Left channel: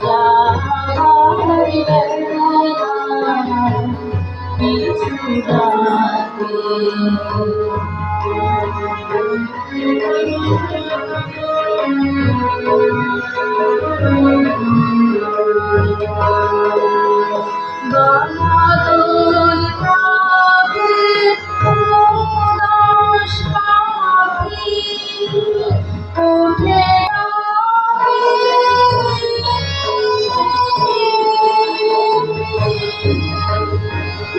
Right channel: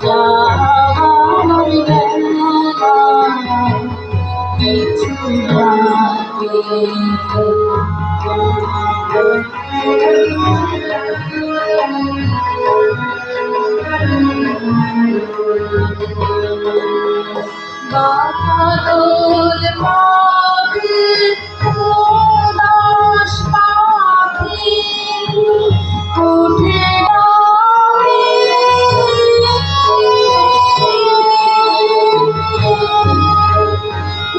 যাবার বেলা পিছু ডাকে। বাদল পাবে উদাস পাখি উঠে ডাকে।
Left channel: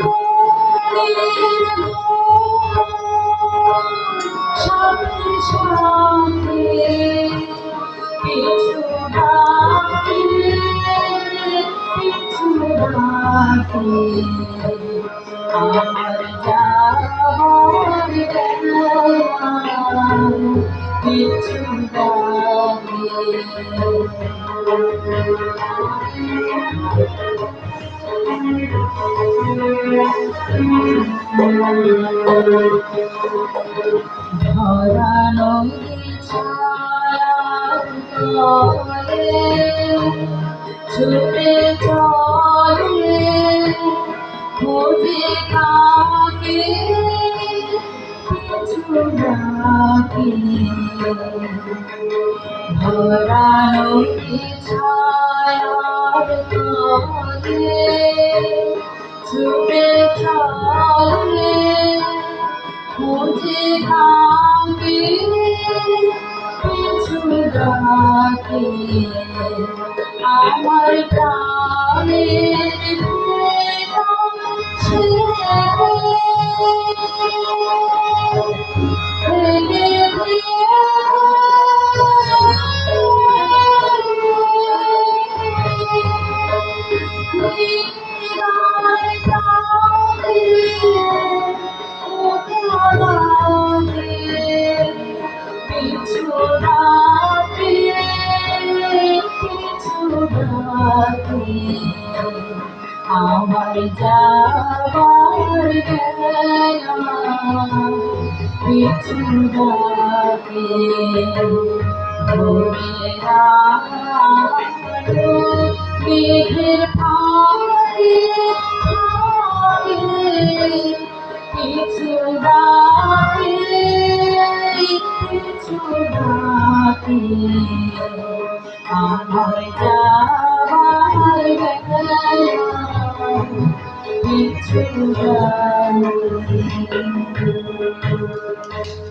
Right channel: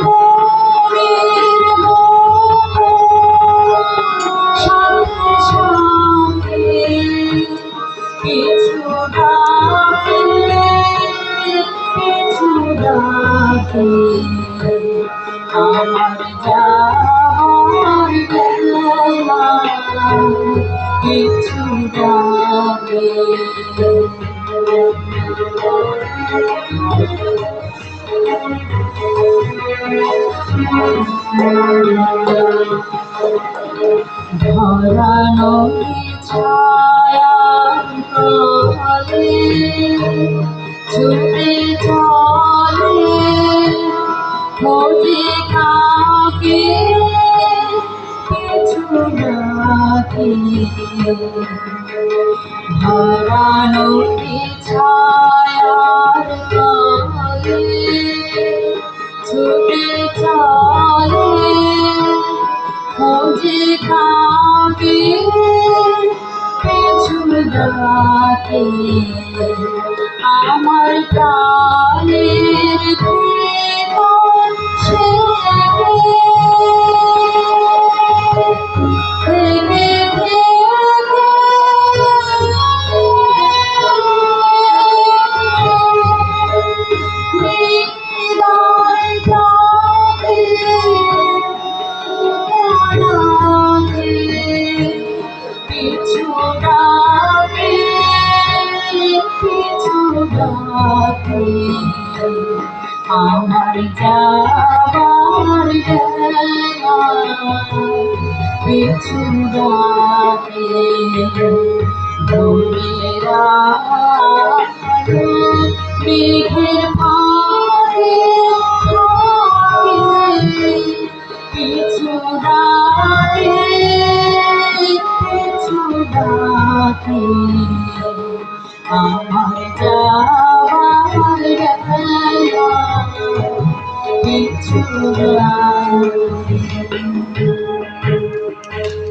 মনের সাথে সাথে পিছু ডাকে, পিছু ডাকে। আমার যাবার বেলা পিছু ডাকে। ধরানো ছায়ার তলে ছুটে চলে খোঁজে কাকে পিছু ডাকে। ধরানো ছায়ার তলে ছুটে চলে খোঁজে কাকে পিছু ডাকে। আমার প্রাণের ভিতর সে থেকে হৃদয় প্রাণে পিছু ডাকে, পিছু ডাকে। আমার যাবার বেলা পিছু ডাকে। ভোরের আলো মেঘের ফাঁকে থাকে পিছু ডাকে, পিছু ডাকে। আমার যাবার বেলা পিছু ডাকে।